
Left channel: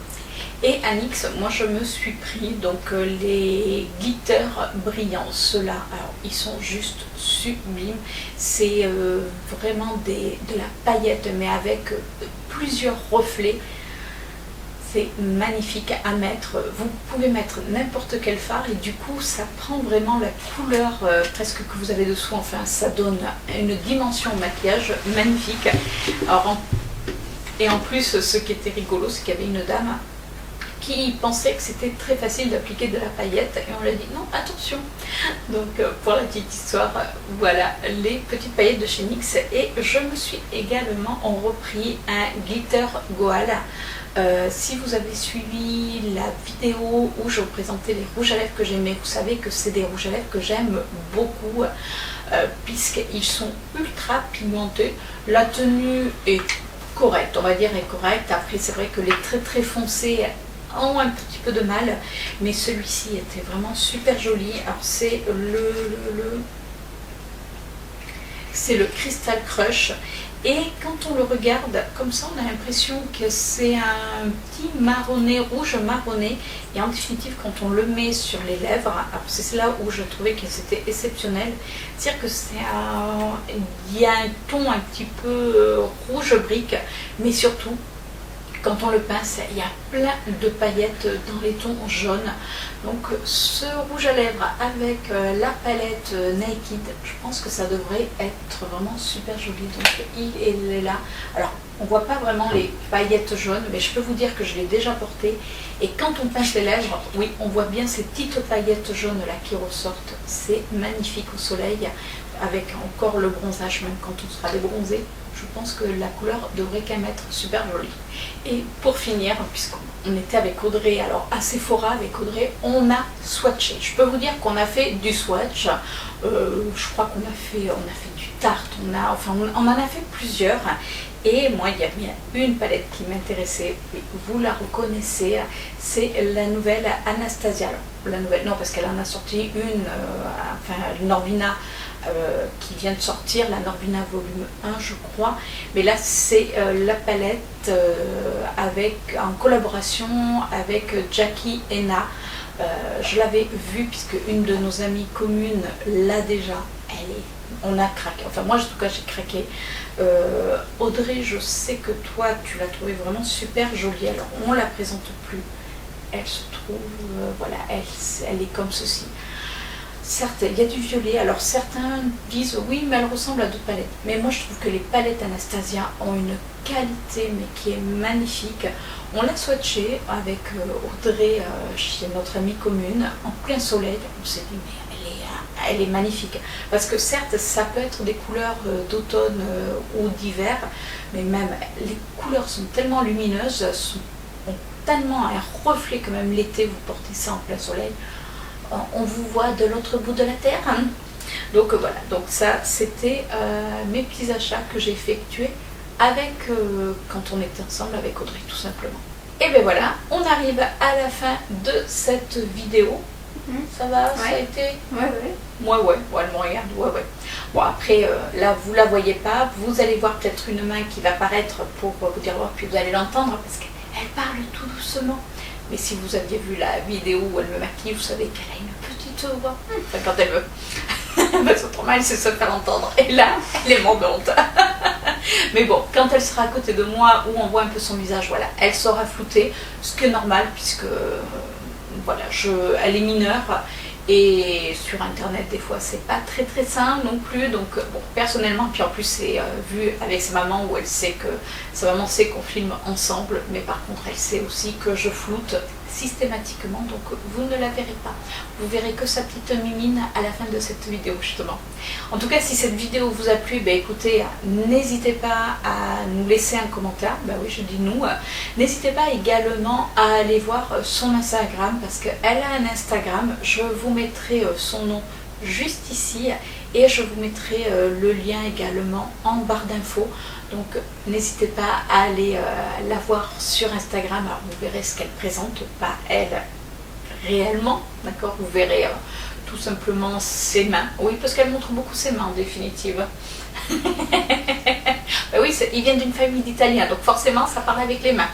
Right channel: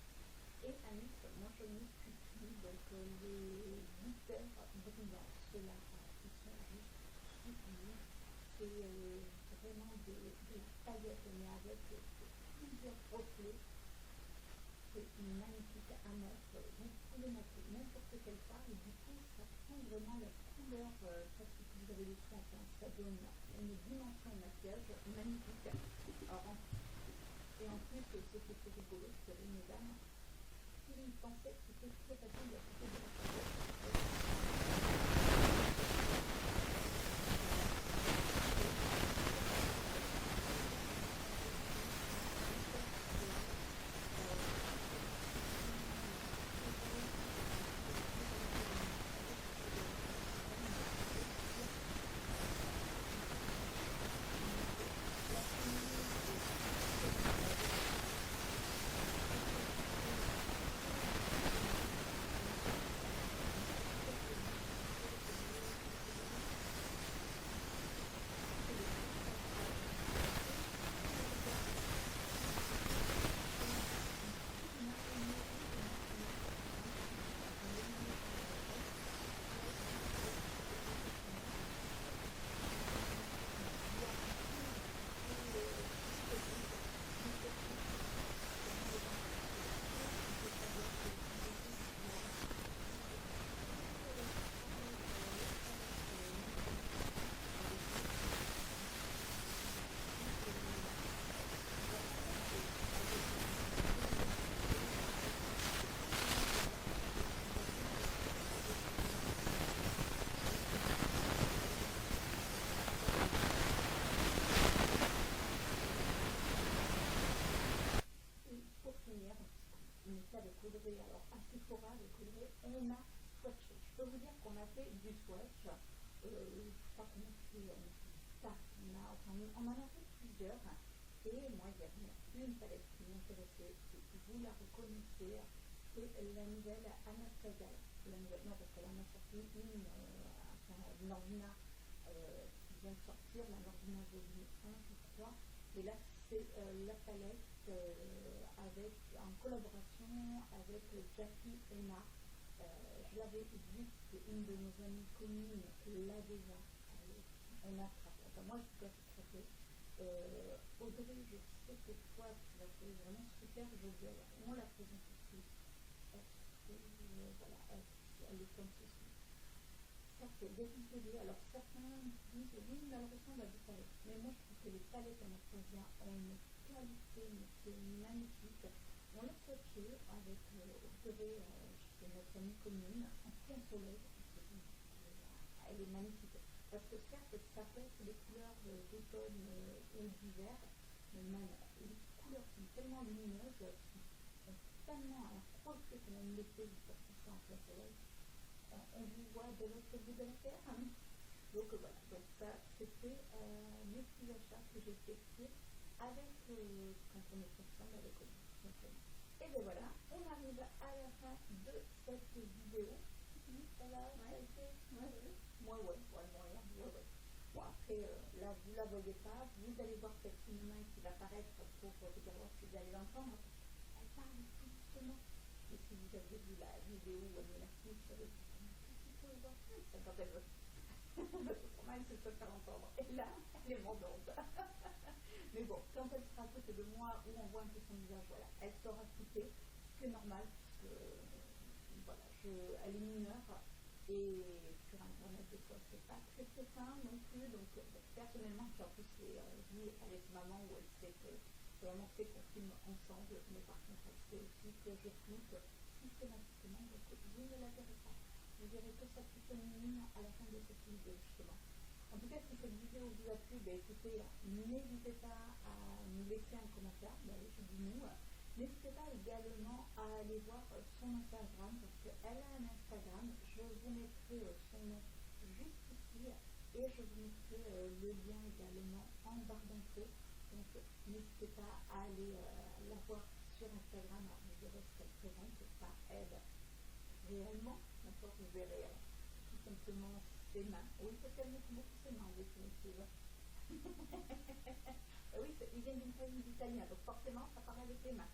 Et à NYX, moi je me suis pris donc les glitters brillants. Ceux-là, alors ils sont juste sublimes. C'est vraiment de la paillette, mais avec plusieurs reflets. C'est magnifique à mettre. Vous pouvez mettre n'importe quel fard et du coup ça prend vraiment la couleur presque que vous avez dessous. Enfin, ça donne une dimension maquillage magnifique. Alors, et en plus, ce qui était rigolo, c'est qu'il y avait une dame qui pensait que c'était très facile d'appliquer de la paillette et on lui a dit non, attention. Donc pour la petite histoire, voilà les petites paillettes de chez NYX. Et je me suis également repris un glitter Goal. Si vous avez suivi la vidéo où je vous présentais les rouges à lèvres que j'aimais, vous savez que c'est des rouges à lèvres que j'aime beaucoup puisqu'ils sont ultra pigmentés. La tenue est correcte, on va dire est correcte. Après c'est vrai que les très très foncés ont un petit peu de mal, mais celui-ci était vraiment super joli. Alors c'est c'est le Crystal Crush Et quand on le regarde comme ça, on a l'impression que c'est un petit marronné, rouge marronné. Et en définitive, quand on le met sur les lèvres, c'est là où je trouvais que c'était exceptionnel. C'est-à-dire que il y a un ton un petit peu rouge brique, mais surtout, quand on le pince, il y a plein de paillettes dans les tons jaunes. Donc ce rouge à lèvres avec la palette Naked, je pense que ça devrait être vraiment super joli. Donc il est là. Alors on voit pas vraiment les paillettes jaunes, mais je peux vous dire que je l'ai déjà porté. Et quand on pince les lèvres, oui, on voit bien ces petites paillettes jaunes là qui ressortent. C'est magnifique au soleil, avec encore le bronzage, même quand on sera débronzé. Je pense que la couleur devrait quand même être super jolie. Et pour finir, puisqu'on était avec Audrey, alors à Sephora avec Audrey, on a swatché. Je peux vous dire qu'on a fait du swatch. Je crois qu'on a fait du Tarte, on en a fait plusieurs. Et moi, il y a bien une palette qui m'intéressait, vous la reconnaissez, c'est la nouvelle Anastasia. Alors, la nouvelle, non, parce qu'elle en a sorti une, Norvina, qui vient de sortir, la Norvina volume 1 je crois, mais là c'est la palette en collaboration avec Jackie Henna. Je l'avais vue puisque une de nos amies communes l'a déjà, on a craqué, enfin moi en tout cas j'ai craqué. Audrey, je sais que toi tu l'as trouvée vraiment super jolie, alors on la présente plus, elle se trouve, voilà, elle est comme ceci. Certes, il y a du violet, alors certains disent oui mais elle ressemble à d'autres palettes, mais moi je trouve que les palettes Anastasia ont une qualité mais qui est magnifique. On l'a swatché avec Audrey chez notre amie commune en plein soleil, on s'est dit mais elle est magnifique, parce que certes ça peut être des couleurs d'automne ou d'hiver, mais même les couleurs sont tellement lumineuses, ont tellement un reflet que même l'été vous portez ça en plein soleil, on vous voit de l'autre bout de la terre. Donc voilà, donc ça c'était mes petits achats que j'ai effectués avec quand on était ensemble avec Audrey tout simplement. Et bien voilà, on arrive à la fin de cette vidéo. Ça va, ouais. Ça a été... Ouais, elle me regarde, ouais. Bon après, là vous la voyez pas, vous allez voir peut-être une main qui va apparaître pour vous dire, puis vous allez l'entendre parce qu'elle parle tout doucement. Mais si vous aviez vu la vidéo où elle me maquille, vous savez qu'elle a une petite voix. Enfin, quand elle veut. Parce qu'autrement, elle sait se faire entendre. Et là, elle est mordante. Mais bon, quand elle sera à côté de moi, où on voit un peu son visage, voilà, elle sera floutée. Ce qui est normal, puisque voilà, elle est mineure. Et sur internet, des fois, c'est pas très très simple non plus. Donc, bon, personnellement, puis en plus, c'est vu avec sa maman où elle sait que sa maman sait qu'on filme ensemble, mais par contre, elle sait aussi que je floute systématiquement. Donc, vous ne la verrez pas. Vous verrez que sa petite mimine à la fin de cette vidéo, justement. En tout cas, si cette vidéo vous a plu, ben écoutez, n'hésitez pas à nous laisser un commentaire. Ben oui, je dis nous. N'hésitez pas également à aller voir son Instagram, parce qu'elle a un Instagram. Je vous mettrai son nom juste ici et je vous mettrai le lien également en barre d'infos. Donc n'hésitez pas à aller la voir sur Instagram. Alors vous verrez ce qu'elle présente, pas elle réellement, d'accord. Vous verrez tout simplement ses mains. Oui, parce qu'elle montre beaucoup ses mains en définitive. Ben oui, il vient d'une famille d'Italiens, donc forcément ça parle avec les mains.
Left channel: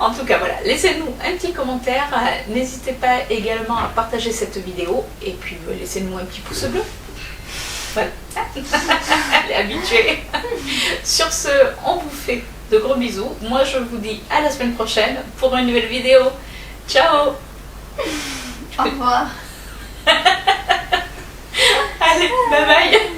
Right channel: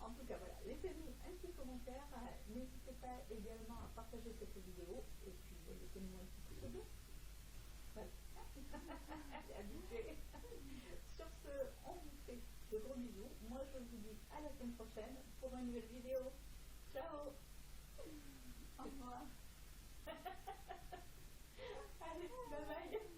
En tout cas voilà, laissez-nous un petit commentaire, n'hésitez pas également à partager cette vidéo et puis laissez-nous un petit pouce bleu. Voilà, elle est habituée. Sur ce, on vous fait de gros bisous. Moi je vous dis à la semaine prochaine pour une nouvelle vidéo. Ciao. Au revoir. Allez, bye bye.